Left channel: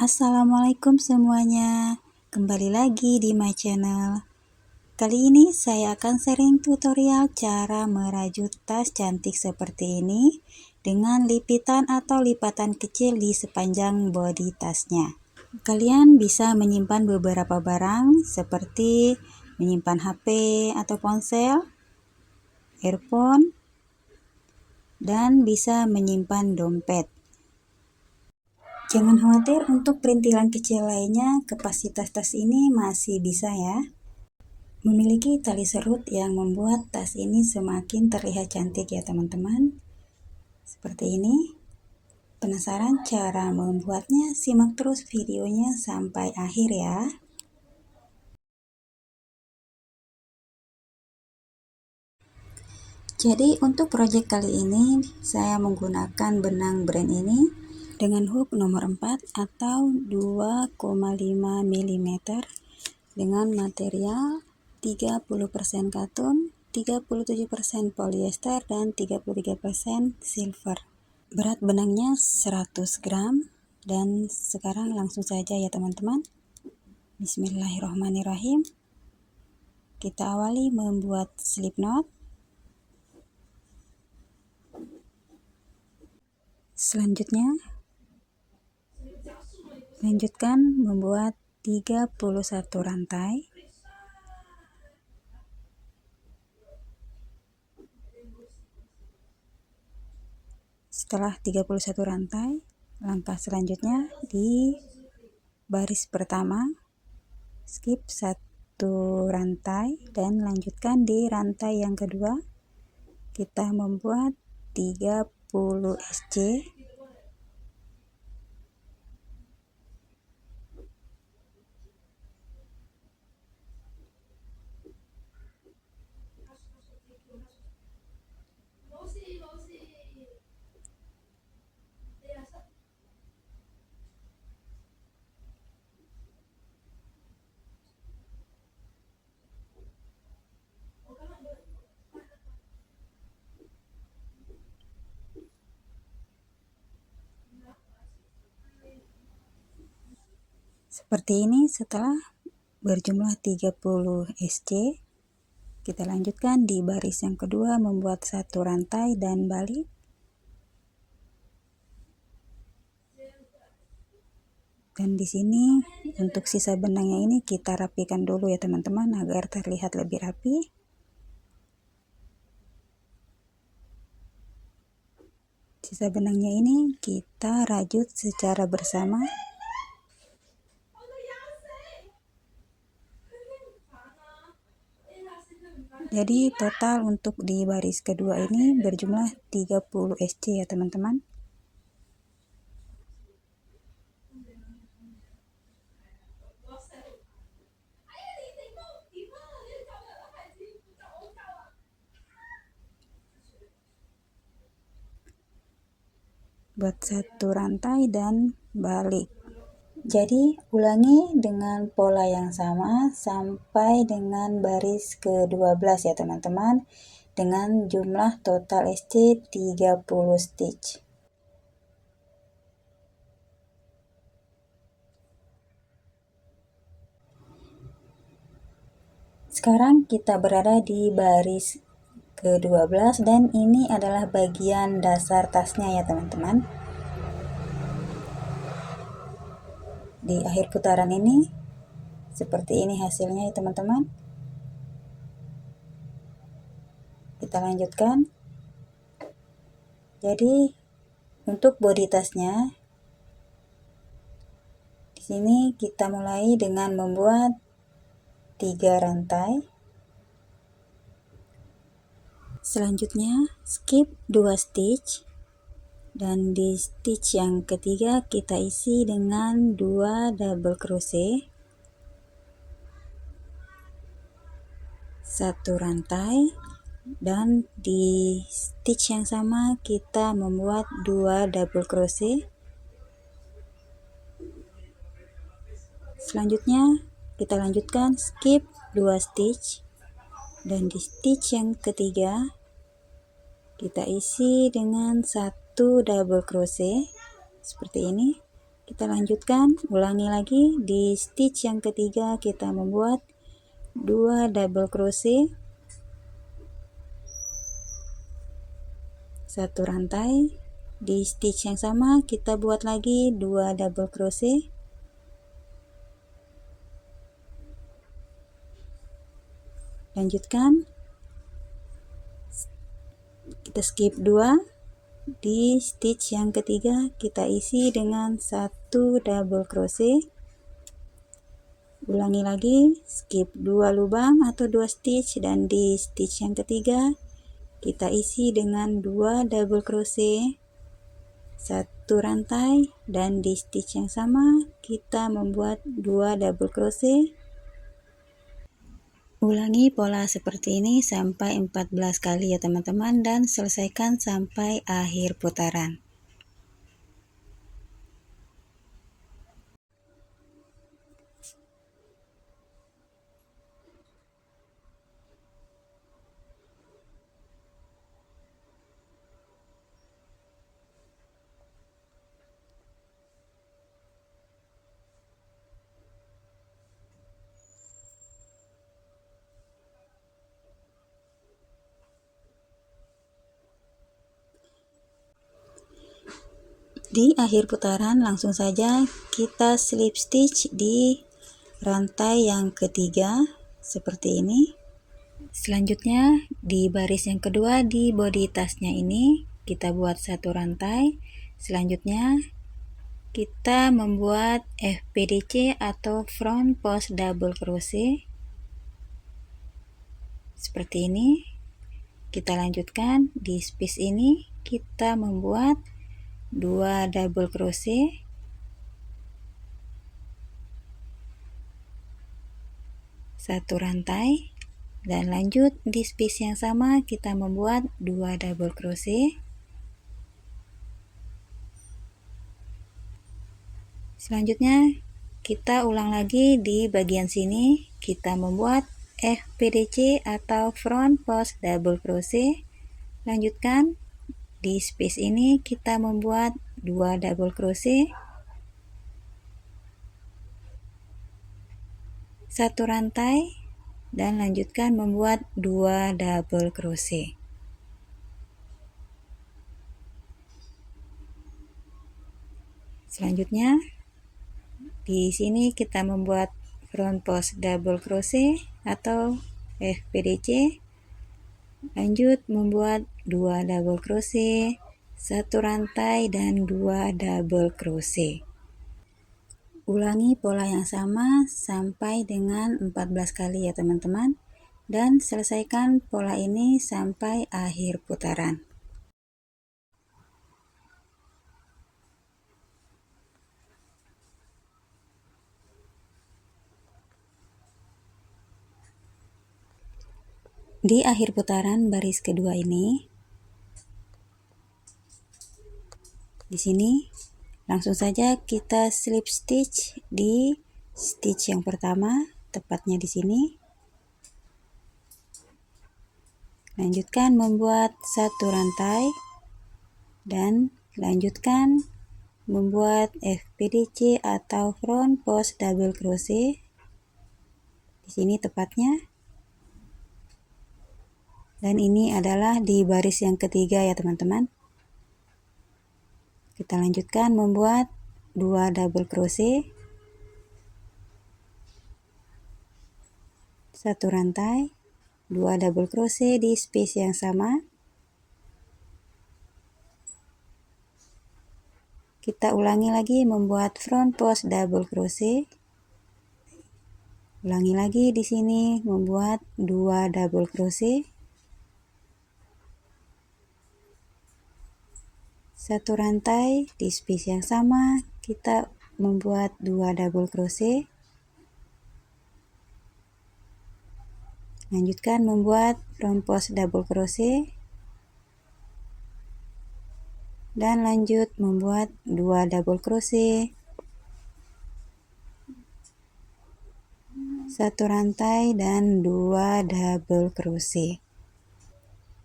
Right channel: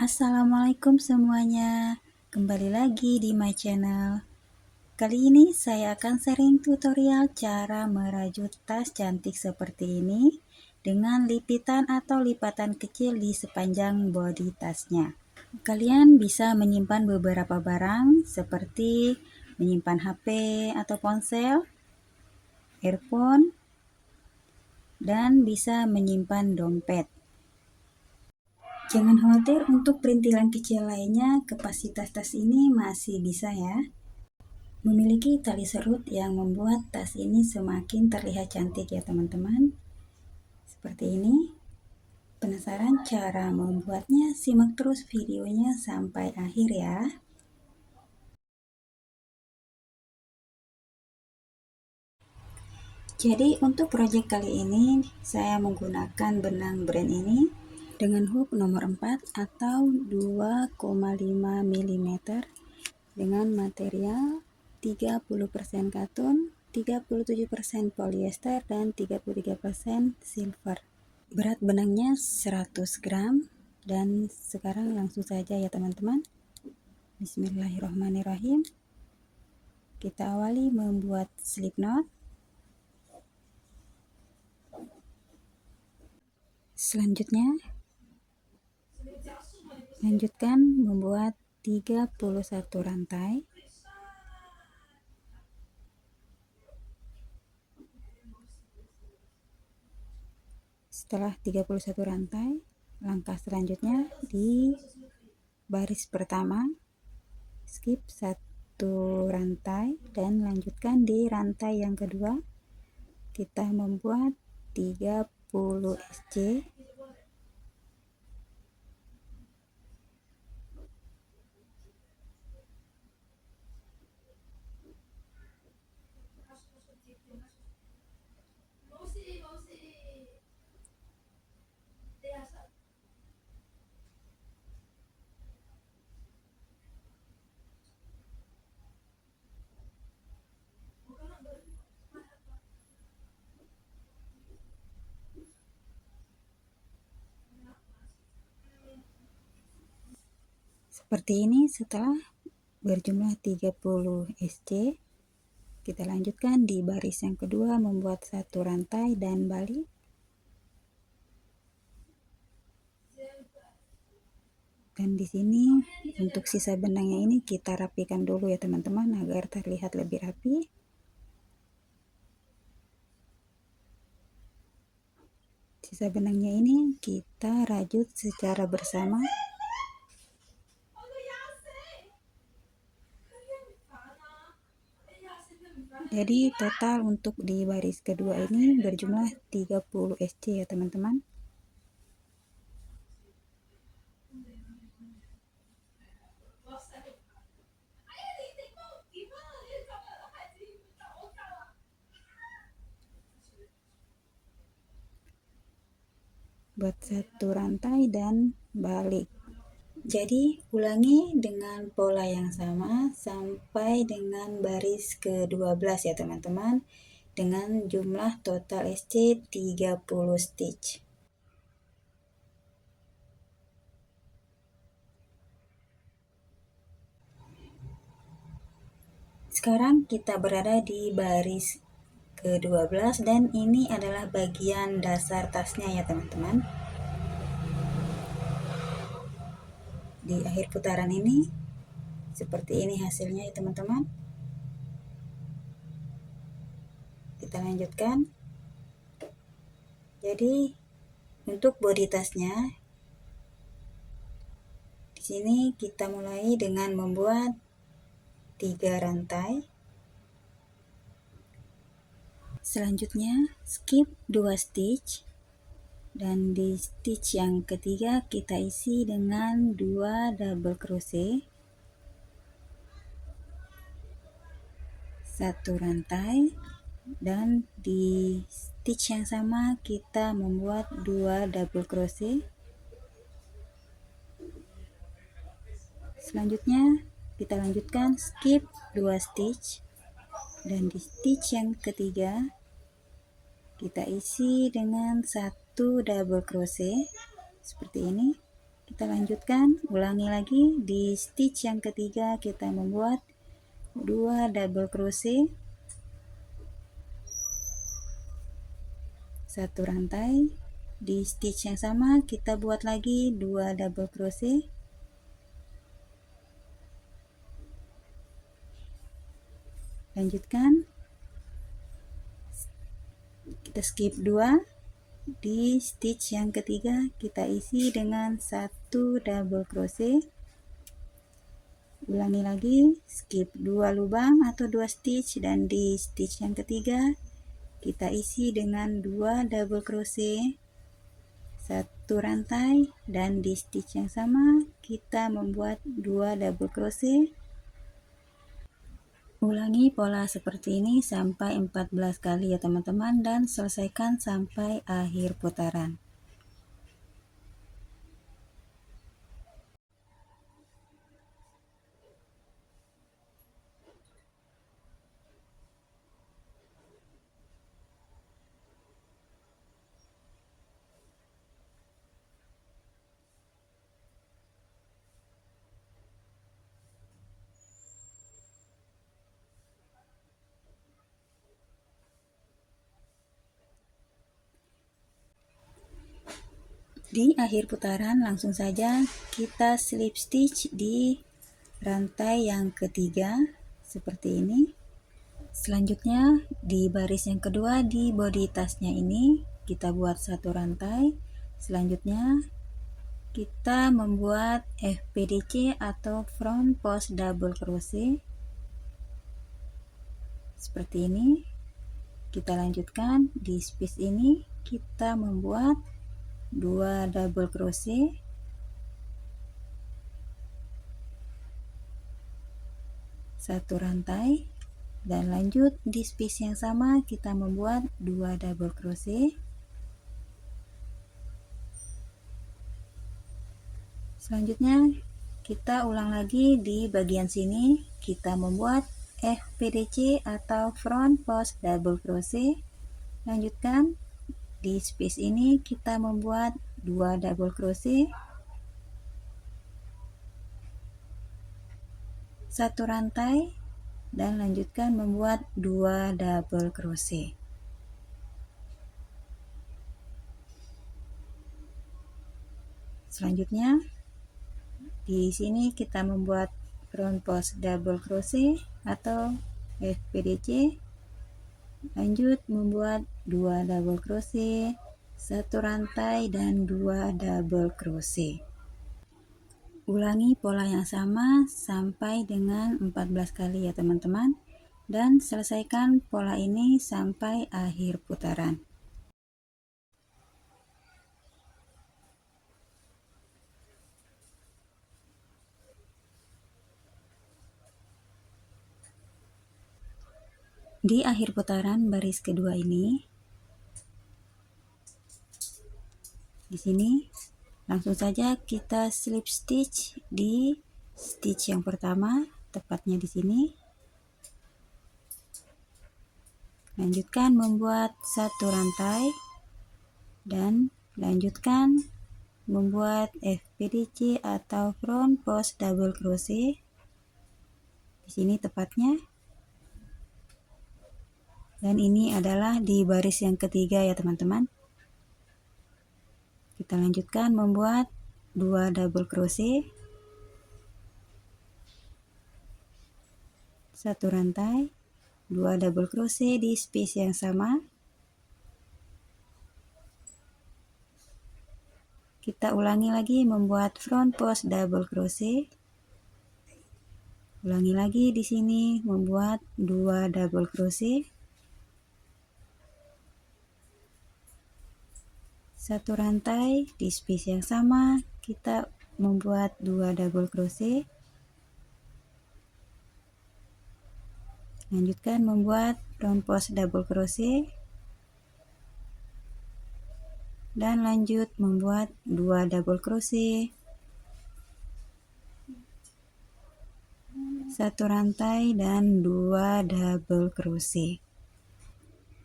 Assalamualaikum semuanya, kembali lagi di my channel. Kali ini saya akan sharing tutorial cara merajut tas cantik seperti ini dengan lipitan atau lipatan kecil di sepanjang bodi tasnya. Kalian bisa menyimpan beberapa barang seperti menyimpan HP atau ponsel, earphone, dan bisa menyimpan dompet. Jangan khawatir, untuk perintilan kecil lainnya kapasitas tas ini masih bisa ya. Memiliki tali serut yang membuat tas ini semakin terlihat cantik ya teman-teman. Seperti ini. Penasaran cara membuatnya? Simak terus videonya sampai akhir ya. Jadi untuk proyek kali ini saya menggunakan benang brand ini dengan hook nomor 4 atau 2,5 mm dengan material 30% katun, 37% polyester, dan 33% silver. Berat benangnya 100 gram. Dan sekarang langsung saja ya teman-teman. Bismillahirrahmanirrahim. Kita awali membuat slip knot. Selanjutnya lanjutkan membuat 31 rantai. Setelah 31 rantai, langkah selanjutnya di baris pertama skip 1 rantai dan lanjutkan di rantai yang kedua. Kita membuat 30 SC. Seperti ini. Setelah berjumlah 30 SC, kita lanjutkan di baris yang kedua membuat 1 rantai dan balik. Dan di sini untuk sisa benangnya ini kita rapikan dulu ya teman-teman agar terlihat lebih rapi. Sisa benangnya ini kita rajut secara bersama. Jadi total untuk di baris kedua ini berjumlah 30 SC ya teman-teman. Buat 1 rantai dan balik. Jadi ulangi dengan pola yang sama sampai dengan baris ke-12 ya teman-teman, dengan jumlah total SC 30 stitch. Sekarang kita berada di baris ke-12 dan ini adalah bagian dasar tasnya ya teman-teman. Di akhir putaran ini seperti ini hasilnya ya teman-teman. Kita lanjutkan. Jadi untuk bodi tasnya di sini kita mulai dengan membuat 3 rantai. Selanjutnya skip 2 stitch dan di stitch yang ketiga kita isi dengan 2 double crochet, 1 rantai, dan di stitch yang sama kita membuat 2 double crochet. Selanjutnya kita lanjutkan skip 2 stitch dan di stitch yang ketiga kita isi dengan 1 double crochet seperti ini. Kita lanjutkan, ulangi lagi. Di stitch yang ketiga kita membuat 2 double crochet, 1 rantai. Di stitch yang sama kita buat lagi 2 double crochet, lanjutkan. Kita skip 2. Di stitch yang ketiga kita isi dengan 1 double crochet. Ulangi lagi, skip 2 lubang atau 2 stitch, dan di stitch yang ketiga kita isi dengan 2 double crochet, 1 rantai, dan di stitch yang sama kita membuat 2 double crochet. Ulangi pola seperti ini sampai 14 kali ya teman-teman, dan selesaikan sampai akhir putaran. Di akhir putaran langsung saja kita slip stitch di rantai yang ketiga seperti ini. Selanjutnya di baris yang kedua di bodi tasnya ini kita buat 1 rantai. Selanjutnya kita membuat FPDC atau front post double crochet seperti ini. Kita lanjutkan di space ini kita membuat 2 double crochet, 1 rantai, dan lanjut di space yang sama kita membuat 2 double crochet. Selanjutnya kita ulang lagi di bagian sini, kita membuat FPDC atau front post double crochet. Lanjutkan di space ini kita membuat 2 double crochet, 1 rantai, dan lanjutkan membuat 2 double crochet. Selanjutnya di sini kita membuat front post double crochet atau FPDC. Lanjut membuat 2 double crochet, 1 rantai, dan 2 double crochet. Ulangi pola yang sama sampai dengan 14 kali ya teman-teman, dan selesaikan pola ini sampai akhir putaran. Di akhir putaran baris kedua ini, di sini langsung saja kita slip stitch di stitch yang pertama, tepatnya di sini. Lanjutkan membuat 1 rantai dan lanjutkan membuat FPDC atau front post double crochet di sini tepatnya. Dan ini adalah di baris yang ketiga ya teman-teman. Kita lanjutkan membuat 2 double crochet, 1 rantai, 2 double crochet di space yang sama. Kita ulangi lagi membuat front post double crochet. Ulangi lagi di sini membuat 2 double crochet, 1 rantai di space yang sama kita membuat 2 double crochet. Lanjutkan membuat front post double crochet dan lanjut membuat 2 double crochet, 1 rantai, dan 2 double crochet.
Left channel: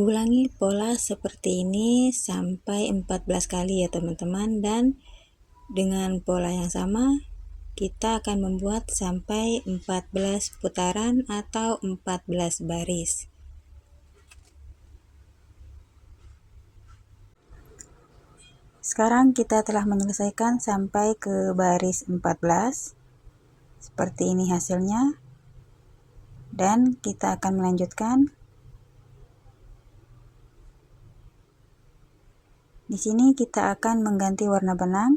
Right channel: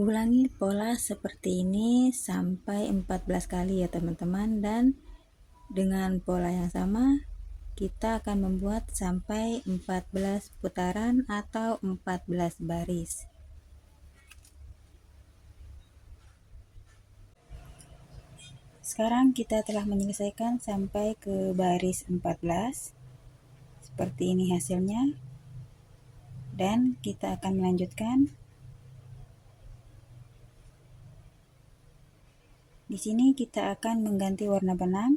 Ulangi pola seperti ini sampai 14 kali ya teman-teman, dan Dengan pola yang sama, kita akan membuat sampai 14 putaran atau 14 baris. Sekarang kita telah menyelesaikan sampai ke baris 14. Seperti ini hasilnya. Dan kita akan melanjutkan. Di sini kita akan mengganti warna benang.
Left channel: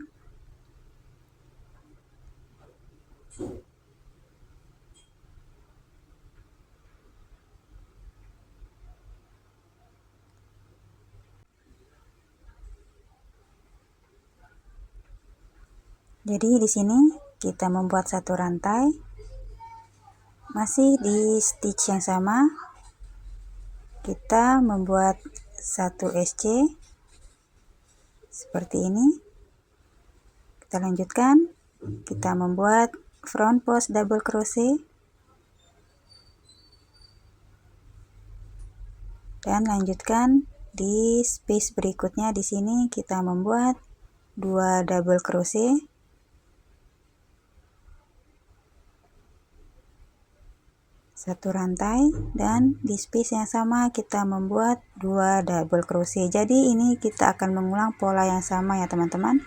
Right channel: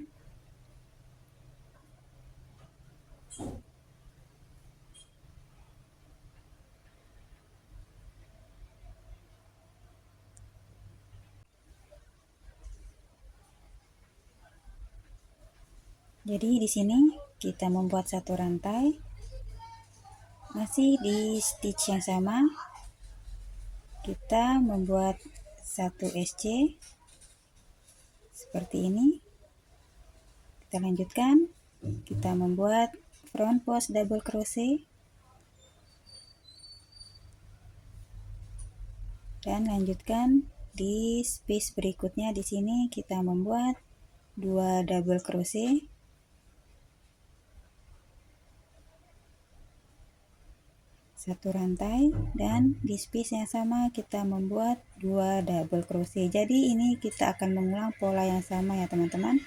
Jadi di sini kita membuat satu rantai, masih di stitch yang sama, kita membuat satu SC seperti ini. Kita lanjutkan, kita membuat front post double crochet, dan lanjutkan di space berikutnya. Di sini kita membuat 2 double crochet, satu rantai, dan di space yang sama kita membuat 2 double crochet. Jadi ini kita akan mengulang pola yang sama ya teman-teman.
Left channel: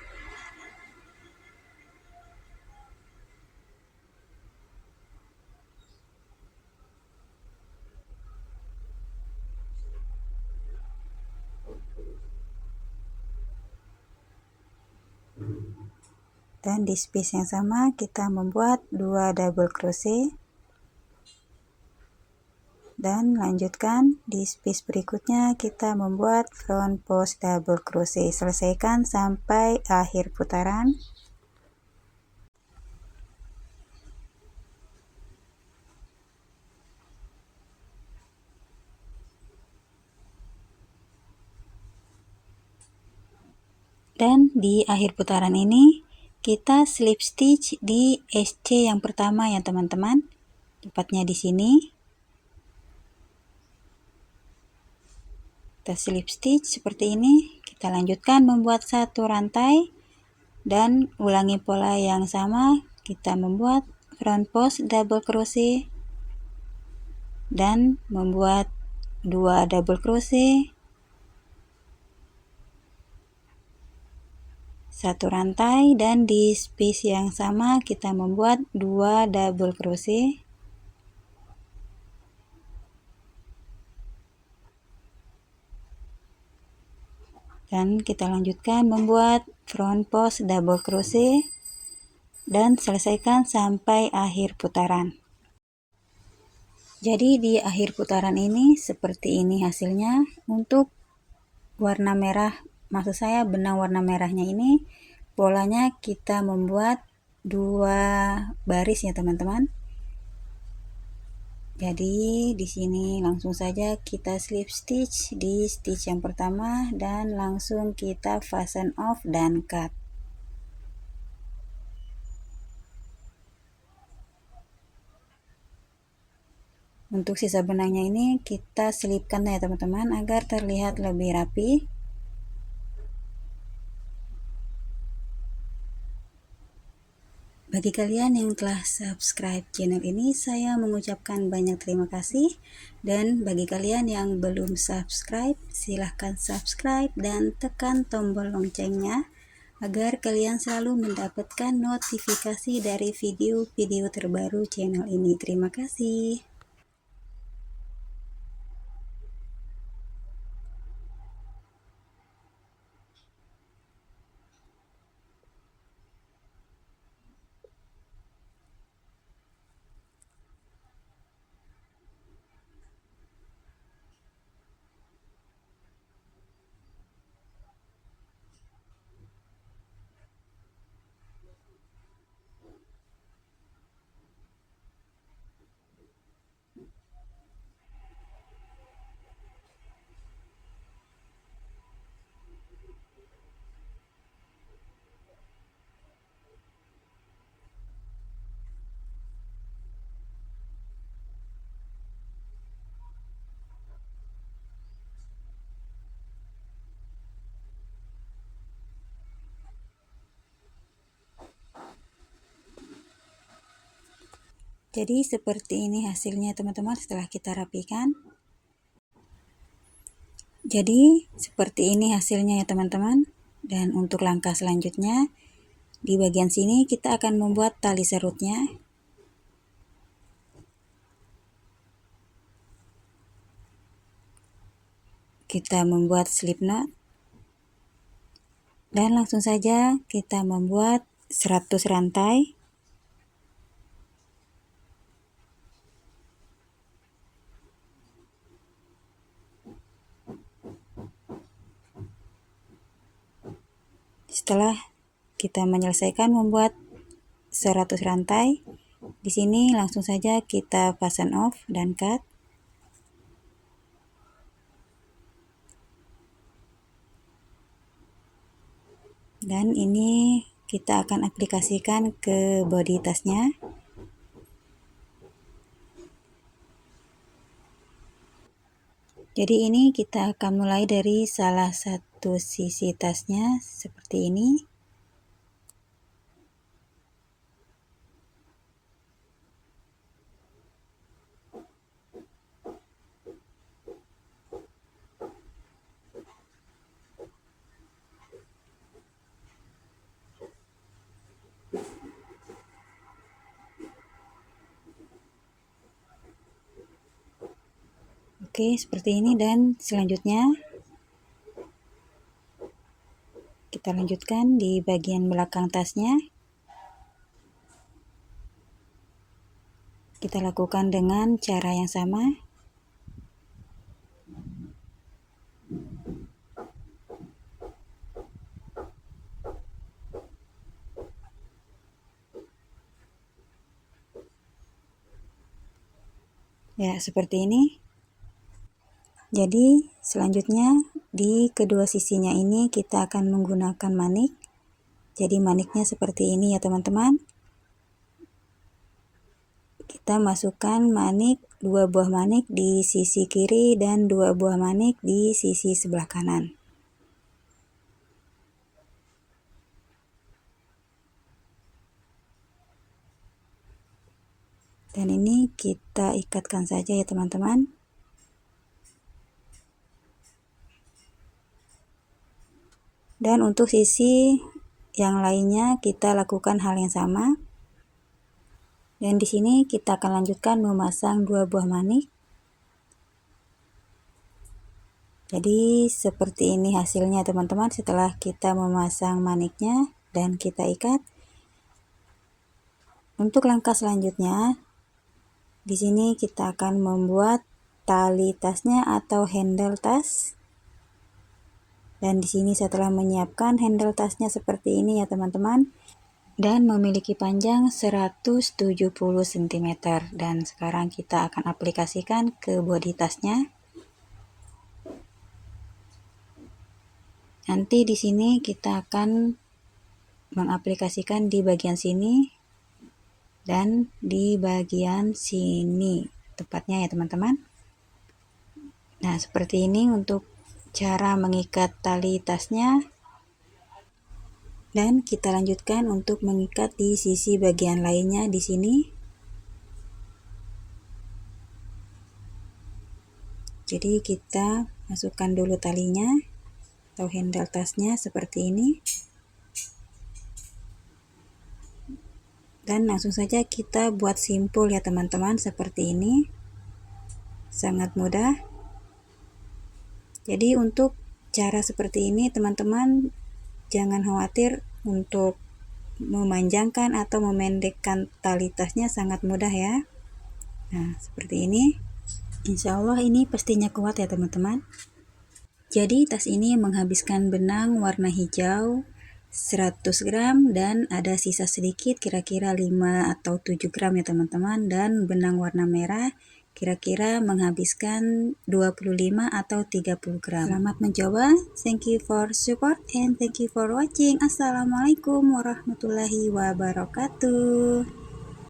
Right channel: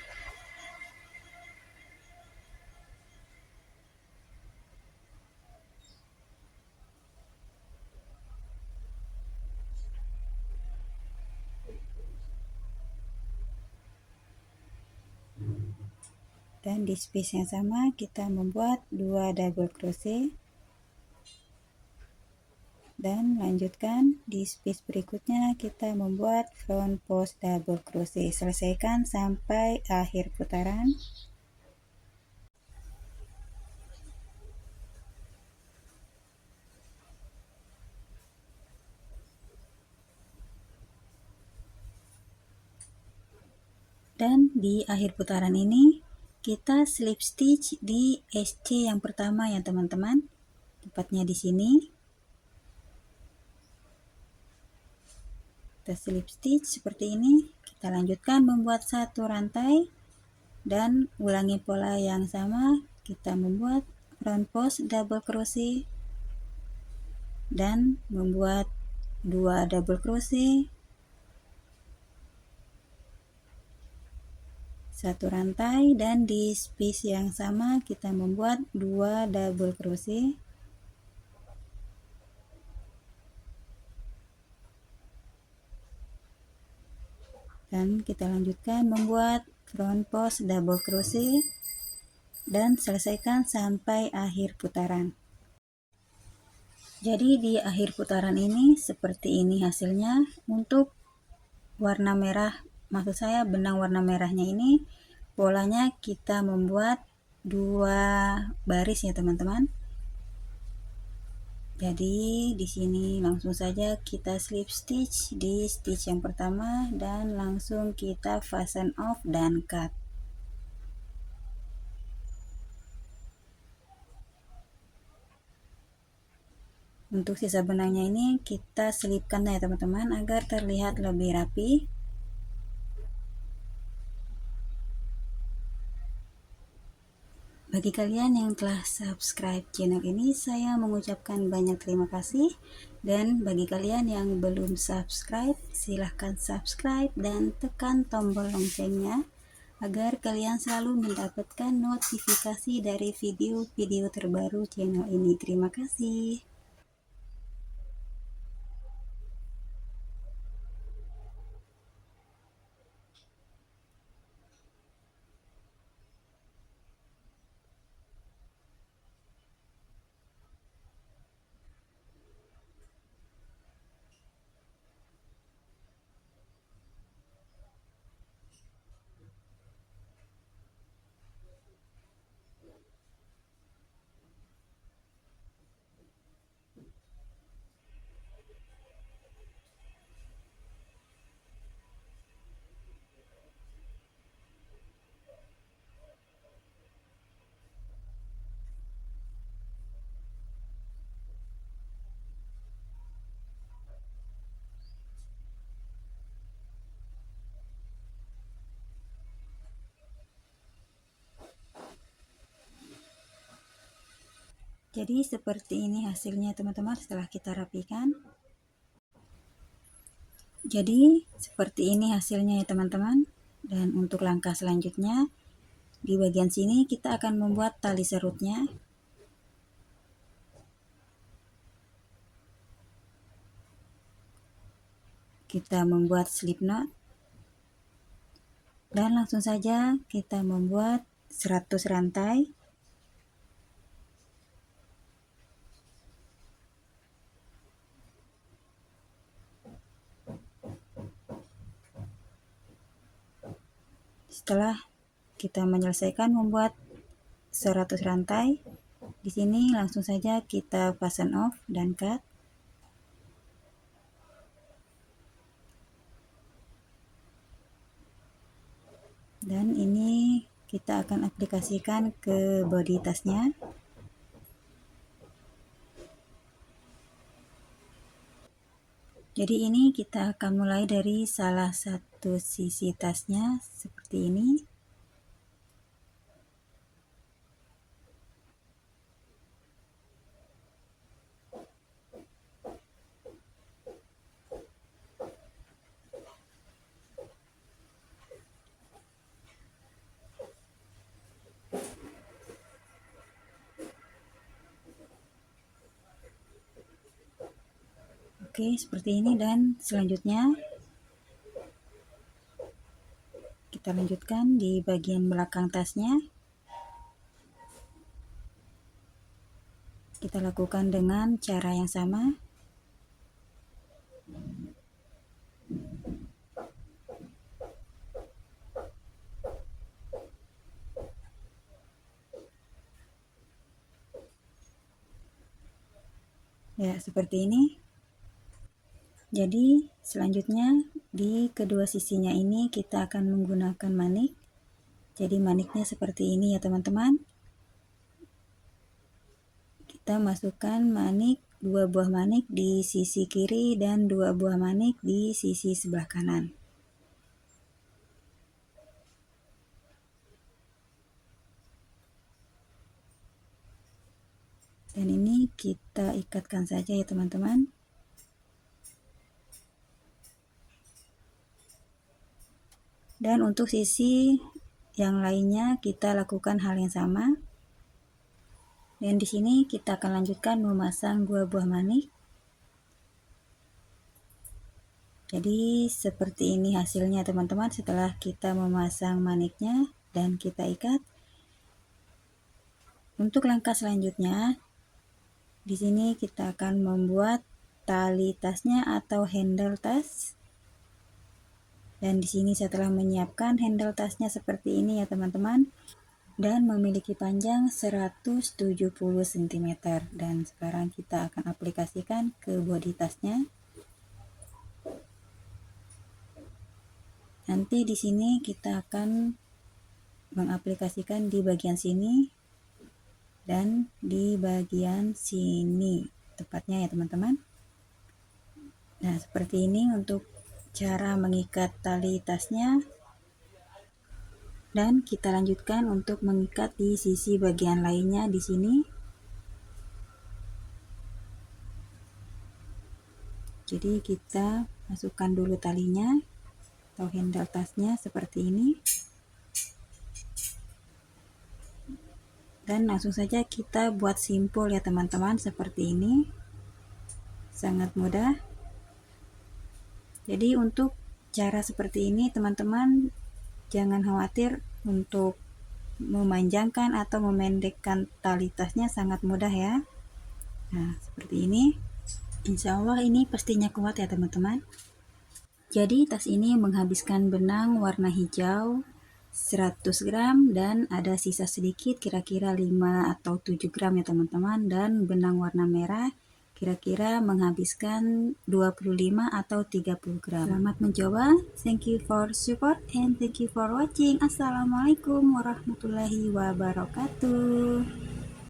Dan di space yang sama kita membuat 2 double crochet, dan lanjutkan di space berikutnya kita membuat front post double crochet. Selesaikan sampai akhir putaran. Dan di akhir putaran ini kita slip stitch di SC yang pertama ya teman-teman, tepatnya di sini. Kita slip stitch seperti ini. Kita lanjutkan membuat satu rantai dan ulangi pola yang sama. Kita membuat front post double crochet dan membuat 2 double crochet, satu rantai, dan di space yang sama kita membuat 2 double crochet, dan kita lanjutkan membuat front post double crochet dan selesaikan sampai akhir putaran. Jadi di akhir putaran ini seperti ini hasilnya. Untuk warna merah, maksud saya benang warna merahnya ini, polanya kita membuat 2 baris ya teman-teman. Jadi di sini langsung saja kita slip stitch di stitch yang pertama dan langsung kita fasten off dan cut. Untuk sisa benangnya ini kita selipkan ya teman-teman agar terlihat lebih rapi. Bagi kalian yang telah subscribe channel ini, saya mengucapkan banyak terima kasih. Dan bagi kalian yang belum subscribe, silahkan subscribe dan tekan tombol loncengnya agar kalian selalu mendapatkan notifikasi dari video-video terbaru channel ini. Terima kasih. Jadi seperti ini hasilnya teman-teman setelah kita rapikan. Jadi seperti ini hasilnya ya teman-teman. Dan untuk langkah selanjutnya, di bagian sini kita akan membuat tali serutnya. Kita membuat slip knot. Dan langsung saja kita membuat 100 rantai. Setelah kita menyelesaikan membuat 100 rantai, di sini langsung saja kita fasten off dan cut. Dan ini kita akan aplikasikan ke bodi tasnya. Jadi ini kita akan mulai dari salah satu sisi tasnya seperti ini. Oke, seperti ini, dan selanjutnya kita lanjutkan di bagian belakang tasnya. Kita lakukan dengan cara yang sama. Ya, seperti ini. Jadi selanjutnya di kedua sisinya ini kita akan menggunakan manik. Jadi maniknya seperti ini ya teman-teman. Kita masukkan manik, 2 buah manik di sisi kiri dan 2 buah manik di sisi sebelah kanan. Dan ini kita ikatkan saja ya teman-teman. Dan untuk sisi yang lainnya kita lakukan hal yang sama. Dan di sini kita akan lanjutkan memasang 2 buah manik. Jadi seperti ini hasilnya teman-teman setelah kita memasang maniknya dan kita ikat. Untuk langkah selanjutnya, di sini kita akan membuat tali tasnya atau handle tas. Dan di sini setelah menyiapkan handle tasnya seperti ini ya teman-teman, dan memiliki panjang 170 cm. Dan sekarang kita akan aplikasikan ke bodi tasnya. Nanti di sini kita akan mengaplikasikan di bagian sini dan di bagian sini tepatnya ya teman-teman. Nah, seperti ini untuk cara mengikat tali tasnya. Dan kita lanjutkan untuk mengikat di sisi bagian lainnya di sini. Jadi kita masukkan dulu talinya atau handle tasnya seperti ini. Dan langsung saja kita buat simpul ya teman-teman, seperti ini. Sangat mudah. Jadi untuk cara seperti ini teman-teman jangan khawatir untuk memanjangkan atau memendekkan tali tasnya, sangat mudah ya. Nah, seperti ini. Insya Allah ini pastinya kuat ya teman-teman. Jadi tas ini menghabiskan benang warna hijau 100 gram dan ada sisa sedikit kira-kira 5 atau 7 gram ya teman-teman, dan benang warna merah kira-kira menghabiskan 25 atau 30 gram. Selamat mencoba, thank you for support and thank you for watching. Assalamualaikum warahmatullahi wabarakatuh.